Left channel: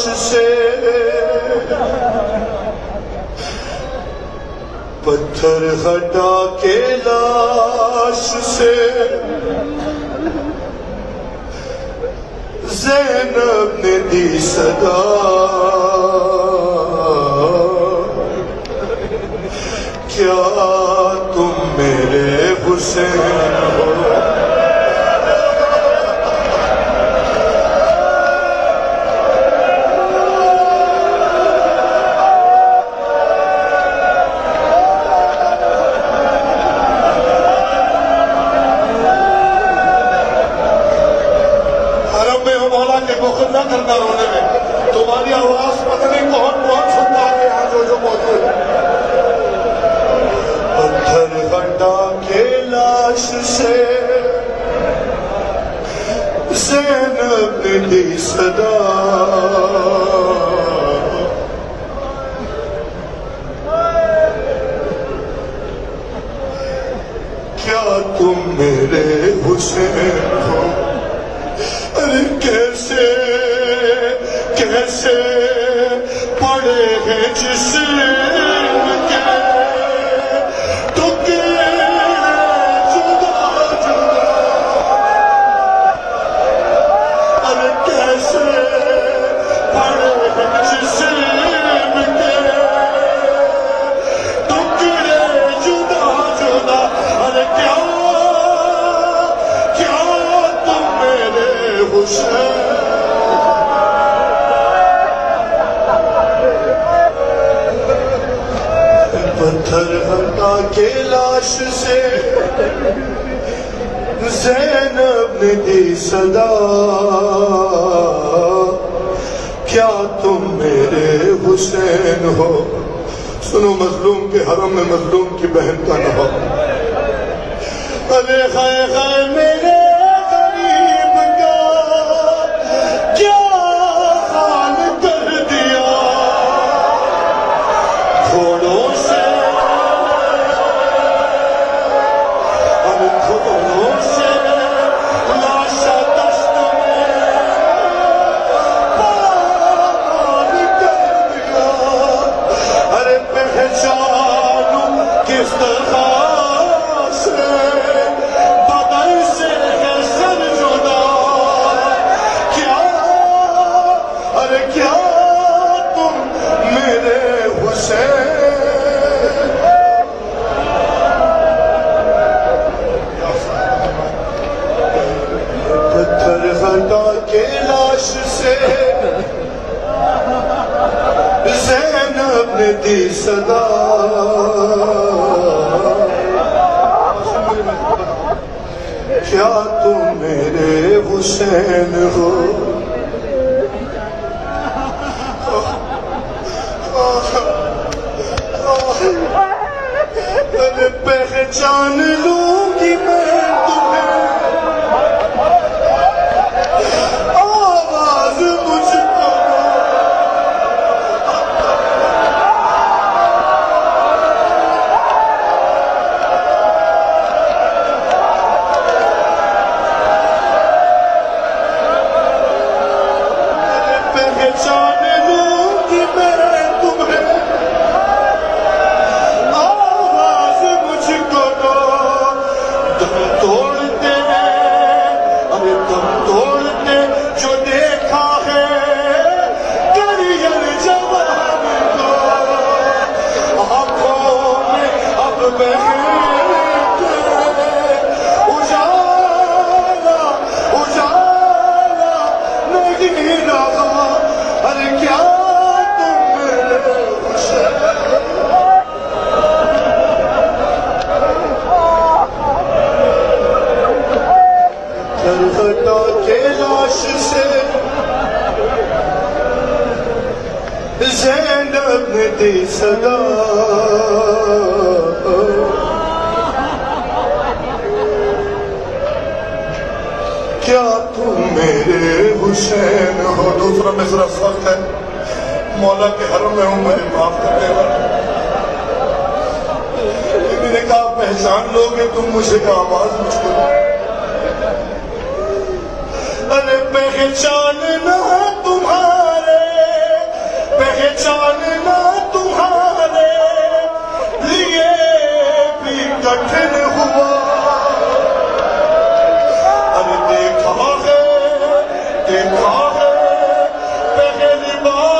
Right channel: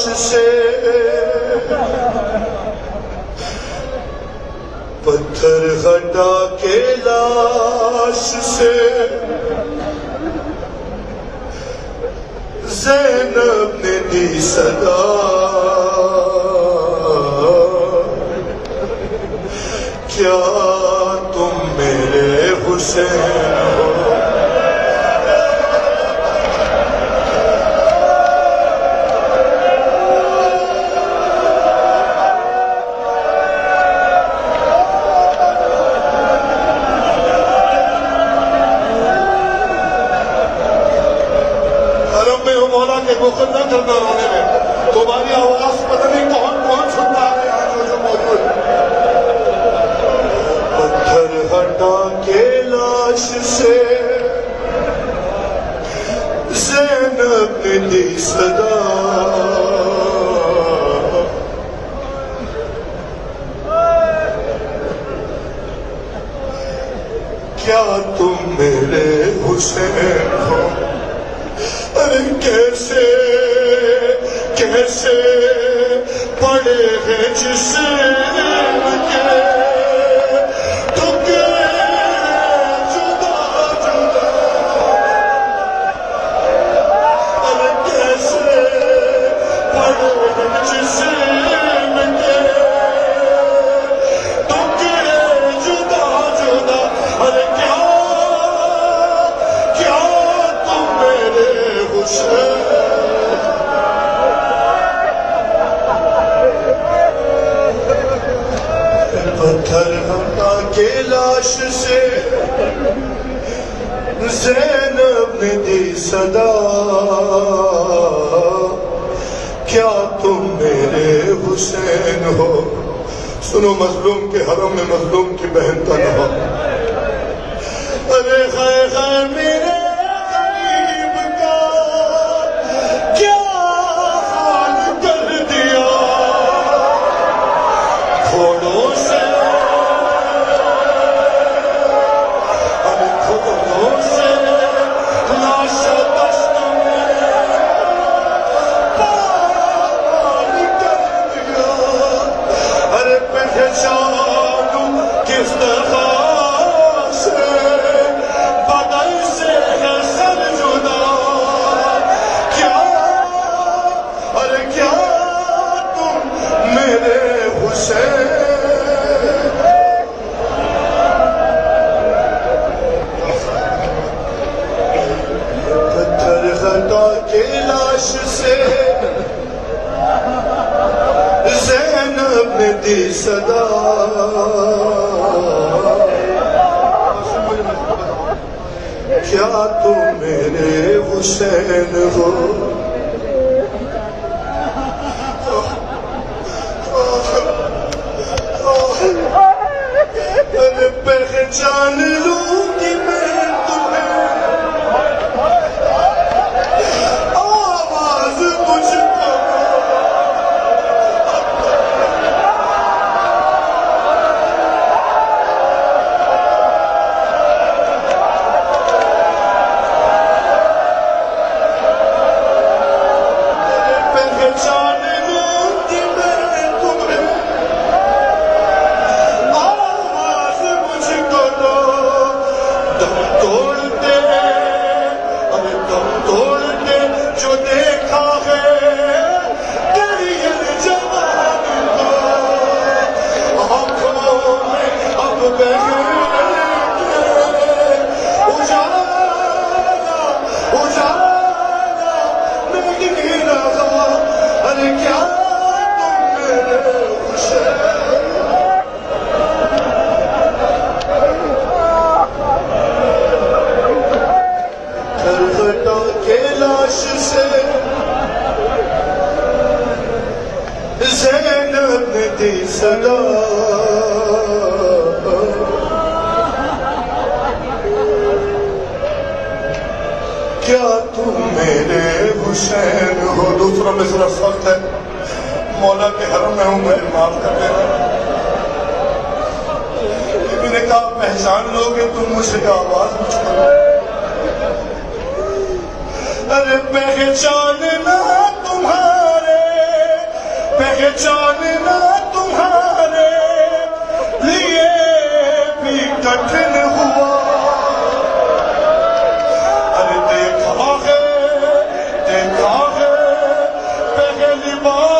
سے پتھر ہٹا کے لاش سے زینب نے دی صدا کیا تم میرے حسین ہو نہ کرنا ہوگا تمہاری آواز پتہ نہیں کون سنتا ہے آج جو موجود پتھر ہٹا کے لاش سے زینب نے دی صدا کیا تم میرے حسین ہو کیسے کیسے پڑے ہیں جسم کے ٹکڑے جدا جدا ارے کیسے پڑے ہیں جسم کے ٹکڑے جدا جدا ارے کیا تم میرے پتھر ہٹا کے لاش سے زینب نے دی صدا کیا تم میرے حسین ہو سنو مظلوم کے حرم میں مظلوم کی بہن کا نہ ہو ارے ہائے ہائے میرے صدا کیا تم میرے حسین ہو پہچان لوں گی میں تمہیں آواز مجھ صدا کیا تم میرے حسین ہو دوسرا مصرع سخت ہے مولا کے حرم میں ہوں میری معاف کرنے والا میں نے کہا پہچان لو گے تم مجھے کا آواز مجھ کو ارے پہچان نہ تمہارے بعد